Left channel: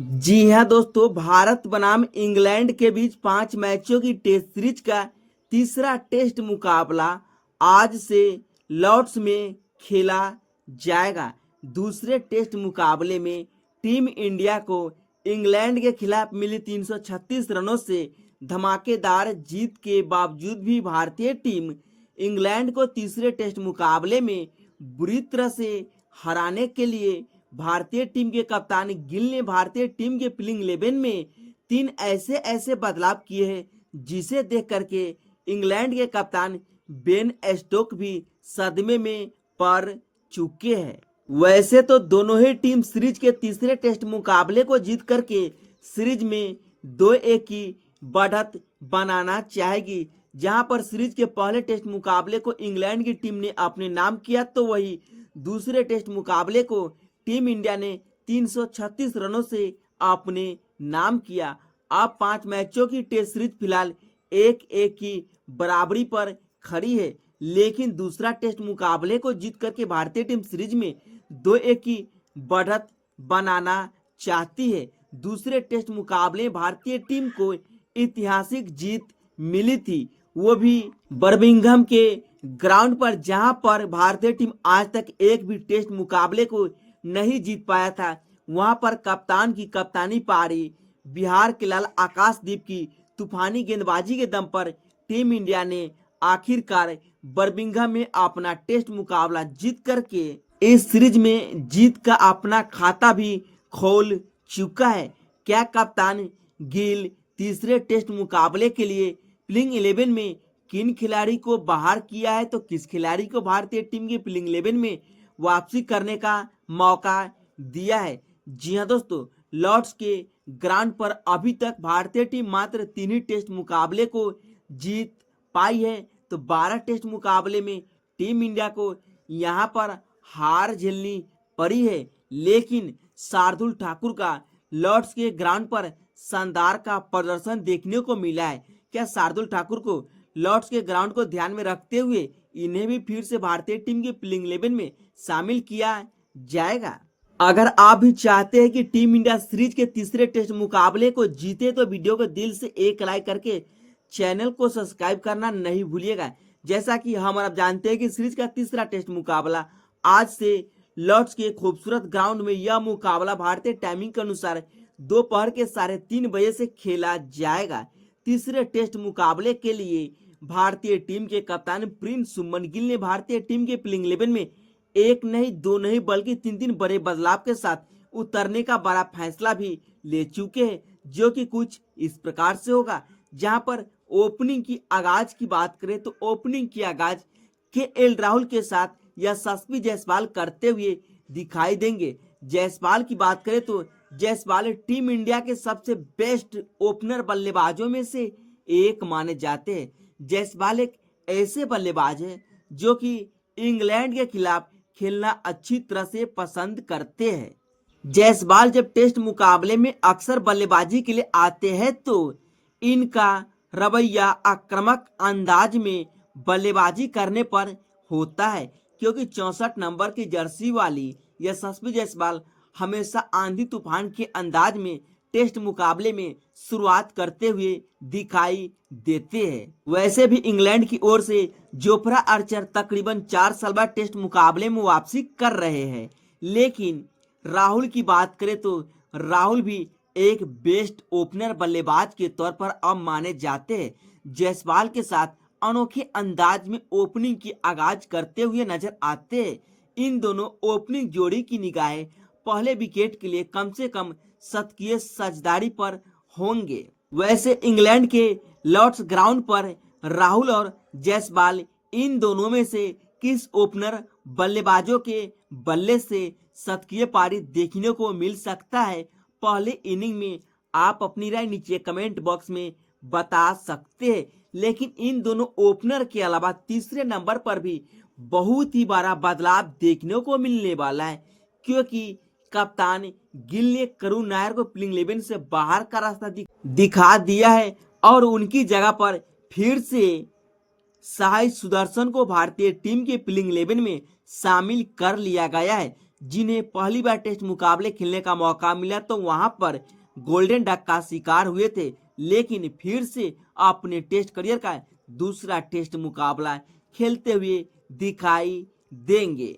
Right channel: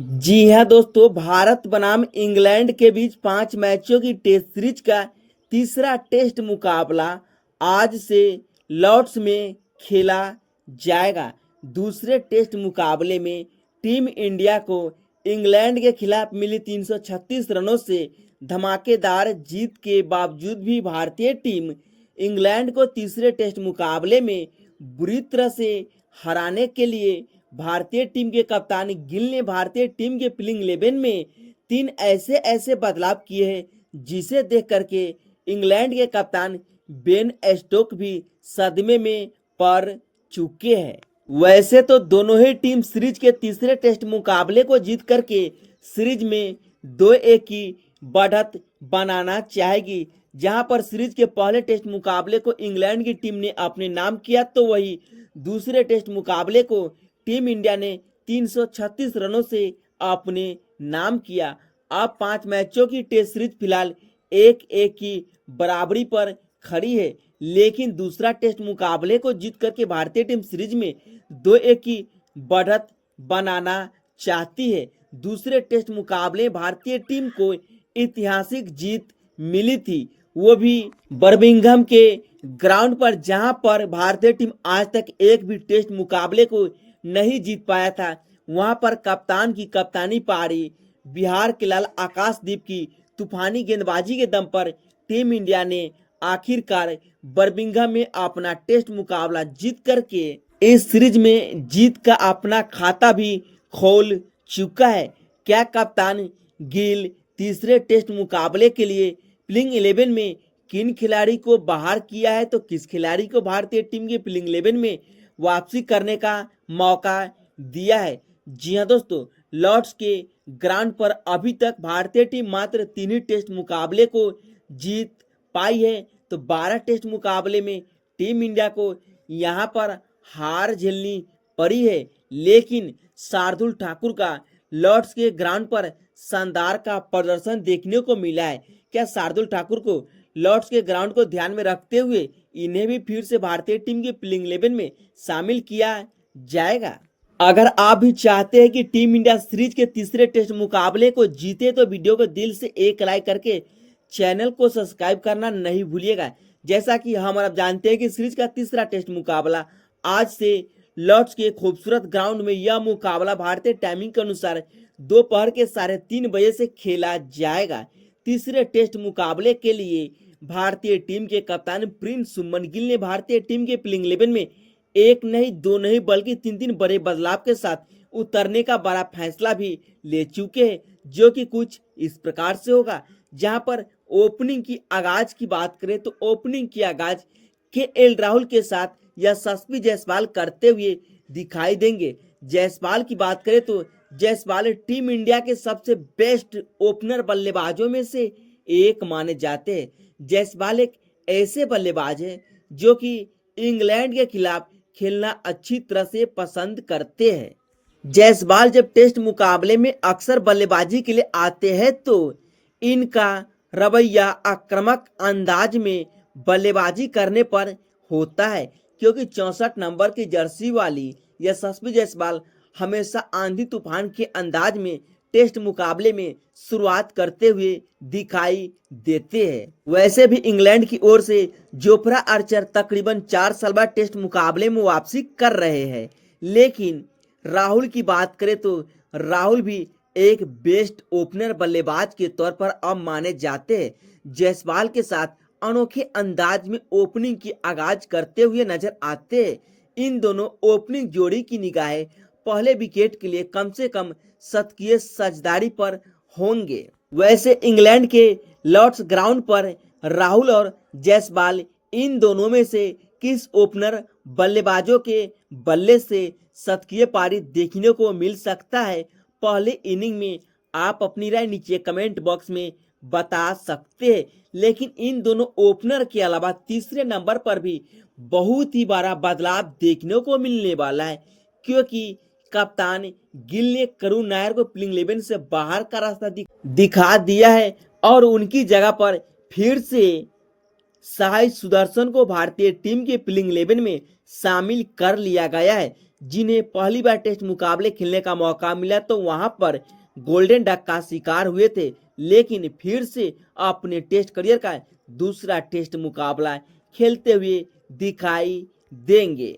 जी हाँ दोस्तों, भारत बनाम इंग्लैंड के बीच 5 मैचों की टेस्ट सीरीज का तीसरा टेस्ट मुकाबला आज से लॉर्ड्स में खेला जाएगा। दूसरे टेस्ट मुकाबले में टीम इंडिया को इंग्लैंड के खिलाफ मिली 336 रनों से धमाकेदार जीत के बावजूद भी भारतीय टीम इंग्लैंड को तीसरे टेस्ट मुकाबले में बुरी तरह से हराने के लिए भारतीय टीम के कप्तान गिल ने भारतीय टीम के प्लेइंग 11 में 3 ऐसे बदलाव किए हैं जिसे देख करके इंग्लैंड के कप्तान बेन स्टोक्स भी सदमे में पड़ चुके हैं। वैसे तो दोनों ही टीम सीरीज के तीसरे टेस्ट मुकाबले को जीत करके सीरीज में 2-1 की बढ़त बनाना चाहेगी। जहां पर सीरीज के पहले टेस्ट मुकाबले को इंग्लैंड की टीम ने अपने नाम किया, तो वही दूसरे टेस्ट मुकाबले को टीम इंडिया ने 336 रनों से अपने नाम किया। अब 5 मैचों की टेस्ट सीरीज फिलहाल 1-1 की बराबरी पर खड़ी है, लेकिन दूसरा टेस्ट मुकाबले को जीत करके भारतीय टीम सीरीज में 2-1 की बढ़त बनाना चाहती है। दूसरे टेस्ट मुकाबले भारतीय टीम को ऐतिहासिक जीत मिली थी, वो भी बर्मिंघम के ग्राउंड पर, जहां पर भारतीय टीम आज तक एक भी टेस्ट मुकाबले को नहीं जीत पाया था। वहां पर कप्तान की कप्तानी पारी बिहार के लाल आकाशदीप की तूफानी गेंदबाजी के दम पर टीम इंडिया ने आखिरकार बर्मिंघम में अपना टेस्ट मुकाबला जीत करके इस सीरीज में जीत का अपना खाता भी खोल चुका है। क्या कप्तान गिल तीसरे टेस्ट मुकाबले के लिए प्लेइंग 11 में किन खिलाड़ी को बाहर किया है, तो किस खिलाड़ी को भारतीय टीम के प्लेइंग 11 में वापसी करने का मौका दिया है? जी हाँ दोस्तों, लॉर्ड्स के ग्राउंड पर अभी तक भारतीय टीम मात्र 3 ही टेस्ट मुकाबले को जीत पाई है, तो 12 टेस्ट मुकाबले में टीम इंडिया को यहाँ पर हार झेलनी पड़ी है। लेकिन शार्दुल ठाकुर का लॉर्ड्स के ग्राउंड पर शानदार का प्रदर्शन देखने को मिला है। क्या शार्दुल ठाकुर को लॉर्ड्स के ग्राउंड को ध्यान में रखते हुए इन्हें भी फिर से भारतीय टीम के प्लेइंग 11 में शामिल किया जाएगा? अगर आप भी चाहते हैं कि टीम इंडिया सीरीज के तीसरे टेस्ट मुकाबले को जीते, तो वीडियो को दिल से एक लाइक करके चैनल को सब्सक्राइब करना नहीं भूलिएगा। जैसा कि हम अब जानते हैं कि सीरीज का तीसरा टेस्ट मुकाबला आज से लॉर्ड्स के खूबसूरत ग्राउंड में, यह मुकाबला भारतीय टाइमिंग के अनुसार दोपहर के 3:30 बजे से खेला जाएगा। तीसरे टेस्ट मुकाबले के लिए भारतीय टीम के कप्तान प्रिंस सुमन गिल ने भारतीय टीम के प्लेइंग 11 में एक नहीं, दो नहीं, बल्कि 3 बड़े बदलाव के साथ उतरने का बड़ा फैसला भी ले चुके हैं, जो कि कुछ इस प्रकार से होगा। जहां पर ओपनिंग की आगाज की बात करें, तो ओपनिंग की आगाज केएल राहुल के साथ यशस्वी जायसवाल करते हुए दिखाई देंगे। जायसवाल की बात करें तो जायसवाल टीम इंडिया के सबसे बेस्ट ओपनर बल्लेबाजों में से एक माने जाते हैं। जायसवाल एक ऐसे बल्लेबाज है जो कि इंग्लैंड के खिलाफ खेलना अच्छी तरह से पसंद करते हैं। जायसवाल जब टेस्ट मुकाबले में अक्सर बल्लेबाजी के लिए आते हैं, तो इनका रवैया आक्रामक अंदाज में बल्लेबाजी करने पर होता है, क्योंकि 64 नंबर की जर्सी वाली यशस्वी जायसवाल हमेशा आंधी तूफान के अंदाज में टेस्ट मुकाबले में शुरुआत करते हुए दिखाई देते हैं। वैसे भी इंग्लैंड की ओर से जोफ्रा आर्चर तकरीबन 4 साल बाद टेस्ट मुकाबले में वापसी कर रहे हैं। लेकिन राहुल की बात करें तो राहुल भी एक बेस्ट ओपनर बल्लेबाज के तौर पर अब माने जाते हैं। जायसवाल के साथ अनोखे अंदाज में ओपनिंग की आगाज करते हुए नजर आते हैं। इन दोनों ओपनिंग जोड़ी की निगाहें पहले विकेट के लिए कम से कम शतकीय साझेदारी पर होंगे। वैसे इंग्लैंड के लॉर्ड्स ग्राउंड पर राहुल और जायसवाल इन दोनों में से किस ओपनर बल्लेबाजों के बल्ले से शतकीय पारी देखने को मिल सकता है, पहले इनिंग में आप अपनी राय नीचे कमेंट बॉक्स में बता सकते हैं। लेकिन इन दोनों ओपनर के अलावा तीसरे नंबर पर भी बहुत ही बड़ा बदलाव देखने को मिलने वाला है, क्योंकि कप्तान गिल ने करुण नायर को प्लेइंग 11 से बाहर का रास्ता दिखा दिया है और उनकी जगह पर फिर से साई सुदर्शन को भारतीय टीम के प्लेइंग 11 में शामिल कर लिया गया है। जिन्हें पहली बार टेस्ट मुकाबले खेलने का मौका मिला तो वहां पर गोल्डन डक का शिकार हुए थे, लेकिन फिर से अपने टेस्ट करियर का दूसरा टेस्ट मुकाबला खेलते हुए दिखाई देंगे।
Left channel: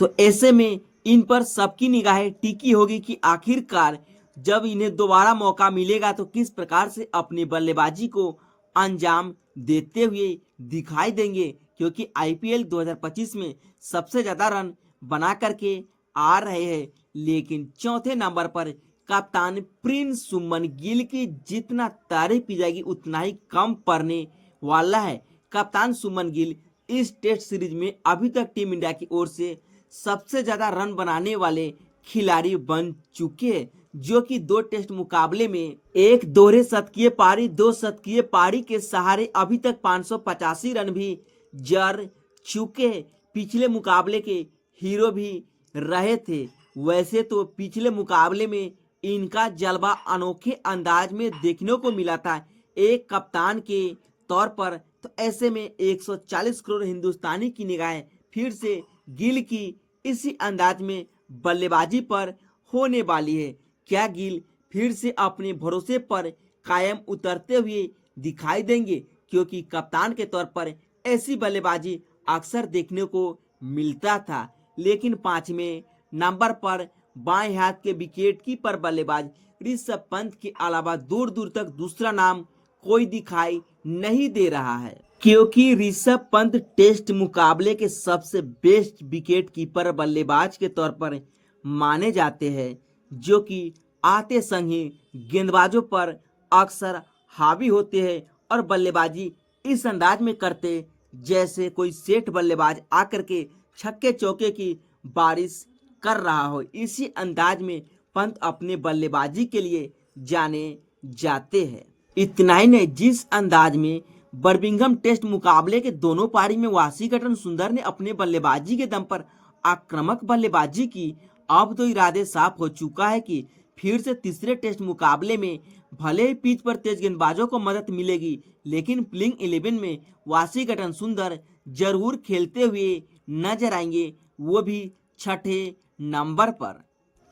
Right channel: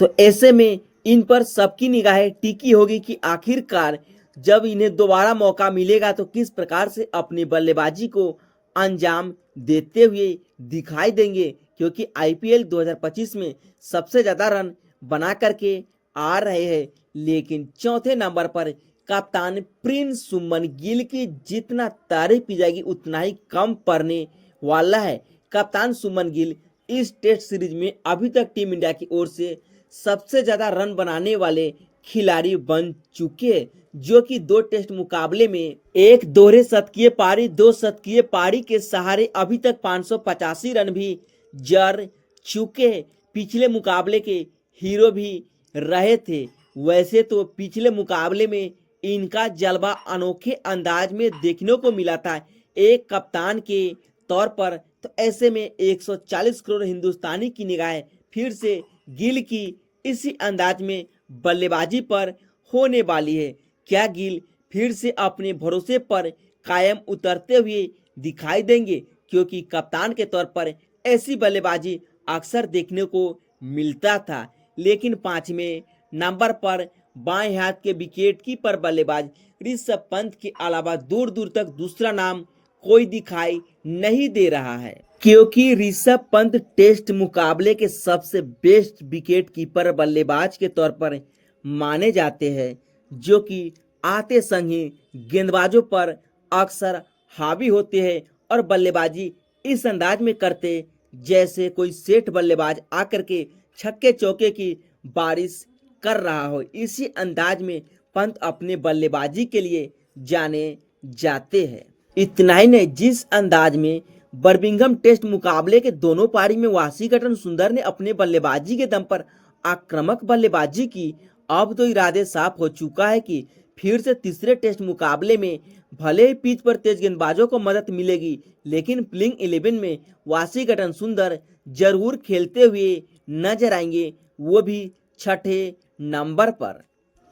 तो ऐसे में इन पर सबकी निगाहें टिकी होगी कि आखिरकार जब इन्हें दोबारा मौका मिलेगा तो किस प्रकार से अपनी बल्लेबाजी को अंजाम देते हुए दिखाई देंगे, क्योंकि आईपीएल 2025 में सबसे ज्यादा रन बना करके आ रहे हैं। लेकिन चौथे नंबर पर कप्तान प्रिंस सुमन गिल की जितना तारीफ की जाएगी उतना ही कम पड़ने वाला है। कप्तान सुमन गिल इस टेस्ट सीरीज में अभी तक टीम इंडिया की ओर से सबसे ज्यादा रन बनाने वाले खिलाड़ी बन चुके हैं, जो कि 2 टेस्ट मुकाबले में एक दोहरे शतकीय पारी 2 शतकीय पारी के सहारे अभी तक 585 रन भी जड़ चुके हैं। पिछले मुकाबले के हीरो भी रहे थे। वैसे तो पिछले मुकाबले में इनका जलवा अनोखे अंदाज में देखने को मिला था एक कप्तान के तौर पर। तो ऐसे में 140 करोड़ हिंदुस्तानी की निगाहें फिर से गिल की इसी अंदाज में बल्लेबाजी पर होने वाली है। क्या गिल फिर से अपने भरोसे पर कायम उतरते हुए दिखाई देंगे, क्योंकि कप्तान के तौर पर ऐसी बल्लेबाजी अक्सर देखने को मिलता था। लेकिन 5वें नंबर पर बाएं हाथ के विकेट कीपर बल्लेबाज ऋषभ पंत के अलावा दूर दूर तक दूसरा नाम कोई दिखाई नहीं दे रहा है, क्योंकि ऋषभ पंत टेस्ट मुकाबले के सबसे बेस्ट विकेट कीपर बल्लेबाज के तौर पर माने जाते हैं, जो कि आते संग ही गेंदबाजों पर अक्सर हावी होते हैं और बल्लेबाजी इस अंदाज में करते जैसे कोई सेठ बल्लेबाज आकर के छक्के चौके की बारिश कर रहा हो। इसी अंदाज में पंत अपने बल्लेबाजी के लिए जाने जाते हैं। इतना ही नहीं, जिस अंदाज में बर्मिंघम टेस्ट मुकाबले के दोनों पारी में वाशिंगटन सुंदर ने अपने बल्लेबाजी के दम पर आक्रामक बल्लेबाजी की, अब तो इरादे साफ हो चुका है कि फिर से तीसरे टेस्ट मुकाबले में भले ही पिच पर तेज गेंदबाजों को मदद मिलेगी, लेकिन प्लेइंग 11 में वाशिंगटन सुंदर जरूर खेलते हुए नजर आएंगे, वो भी 6ठे नंबर पर।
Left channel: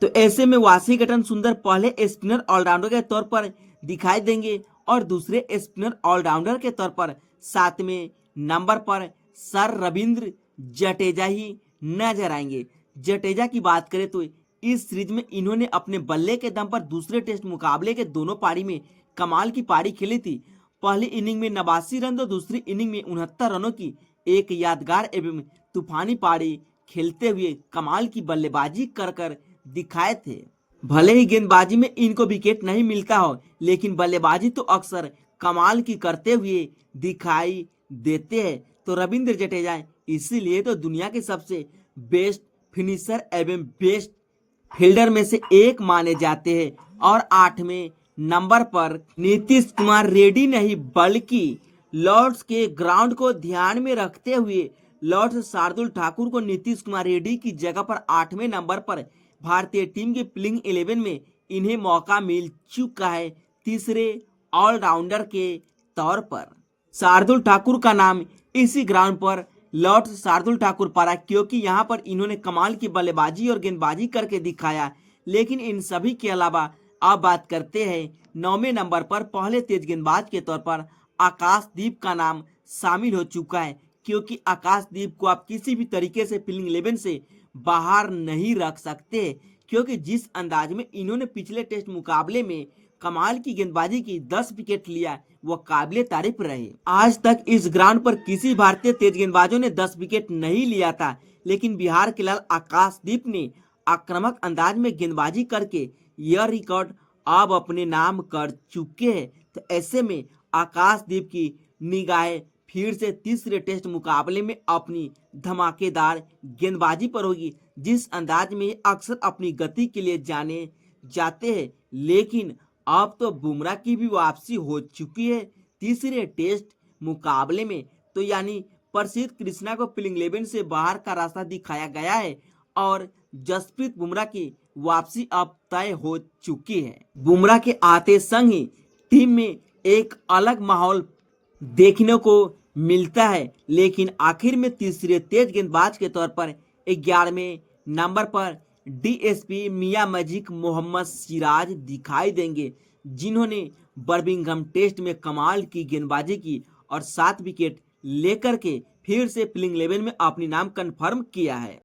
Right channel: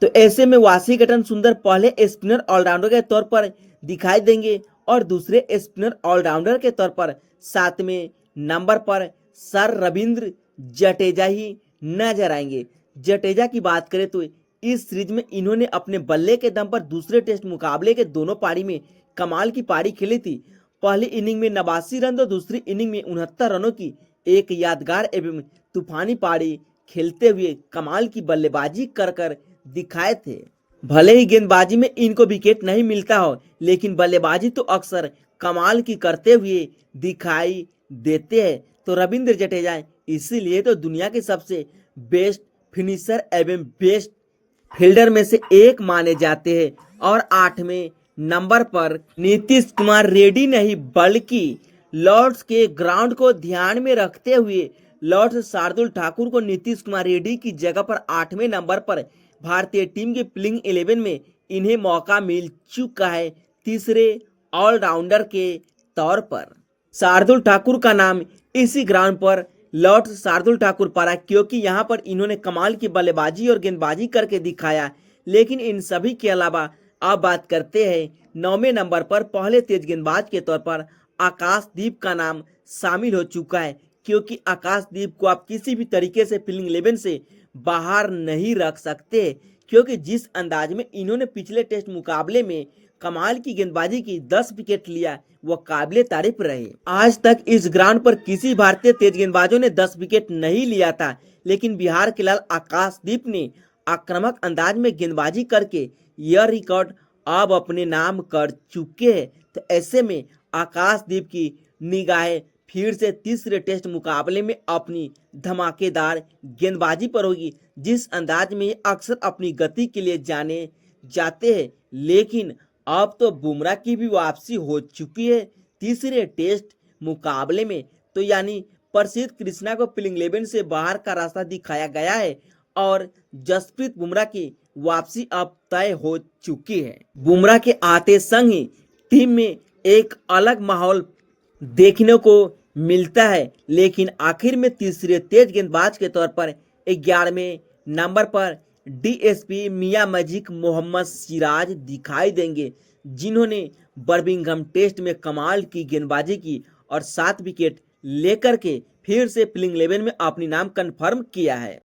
तो ऐसे में वाशिंगटन सुंदर पहले स्पिनर ऑलराउंडर के तौर पर दिखाई देंगे और दूसरे स्पिनर ऑलराउंडर के तौर पर 7वें नंबर पर सर रविंद्र जडेजा ही नजर आएंगे। जडेजा की बात करें तो इस सीरीज में इन्होंने अपने बल्ले के दम पर दूसरे टेस्ट मुकाबले के दोनों पारी में कमाल की पारी खेली थी। पहली इनिंग में 89 रन तो दूसरी इनिंग में 69 रनों की एक यादगार एवं तूफानी पारी खेलते हुए कमाल की बल्लेबाजी कर दिखाए थे। भले ही गेंदबाजी में इनको विकेट नहीं मिलता हो, लेकिन बल्लेबाजी तो अक्सर कमाल की करते हुए दिखाई देते हैं। तो रविंद्र जडेजा इसीलिए तो दुनिया के सबसे बेस्ट फिनिशर एवं बेस्ट फील्डर में से एक माने जाते हैं। और 8वें नंबर पर नीतीश कुमार रेड्डी नहीं बल्कि लॉर्ड्स के ग्राउंड को ध्यान में रखते हुए लॉर्ड्स शार्दुल ठाकुर को नीतीश कुमार रेड्डी की जगह पर 8वें नंबर पर भारतीय टीम के प्लेइंग 11 में इन्हें मौका मिल चुका है तीसरे ऑलराउंडर के तौर पर। शार्दुल ठाकुर का नाम इसी ग्राउंड पर लॉर्ड्स शार्दुल ठाकुर पड़ा, क्योंकि यहां पर इन्होंने कमाल की बल्लेबाजी और गेंदबाजी करके दिखाया। लेकिन इन सभी के अलावा अब बात करते हैं 9वें नंबर पर पहले तेज गेंदबाज के तौर पर आकाशदीप का नाम शामिल हो चुका है, क्योंकि आकाशदीप को आप किसी भी तरीके से प्लेइंग 11 से बाहर नहीं रख सकते, क्योंकि जिस अंदाज में इन्होंने पिछले टेस्ट मुकाबले में कमाल की गेंदबाजी की 10 विकेट लिया वो काबिले तारीफ रहे। आज तक इस ग्राउंड पर किसी भारतीय तेज गेंदबाजों ने 10 विकेट नहीं लिया था, लेकिन बिहार के लाल आकाशदीप ने आक्रामक अंदाज में गेंदबाजी करके यह रिकॉर्ड अब अपने नाम कर चुके हैं। तो ऐसे में आकाशदीप की निगाहें फिर से तीसरे टेस्ट मुकाबले में अपनी धमाकेदार गेंदबाजी पर होगी, जिस अंदाज में अक्सर अपनी गति के लिए जाने जाते हैं। लेकिन अब तो बुमराह की भी वापसी हो चुकी है तीसरे टेस्ट मुकाबले में, तो यानी प्रसिद्ध कृष्णा को प्लेइंग 11 से बाहर का रास्ता दिखाया गया है और जसप्रीत बुमराह की वापसी अब तय हो चुकी है। बुमराह के आते संग ही टीम में एक अलग माहौल देखने को मिलता है, लेकिन आखिर में तीसरे तेज गेंदबाज के तौर पर 11वें नंबर पर डीएसपी मियां मैजिक मोहम्मद सिराज दिखाई देंगे, जिन्होंने बर्मिंघम टेस्ट में कमाल की गेंदबाजी की और 7 विकेट लेकर के फिर से प्लेइंग 11 में अपनी नाम कन्फर्म किया है।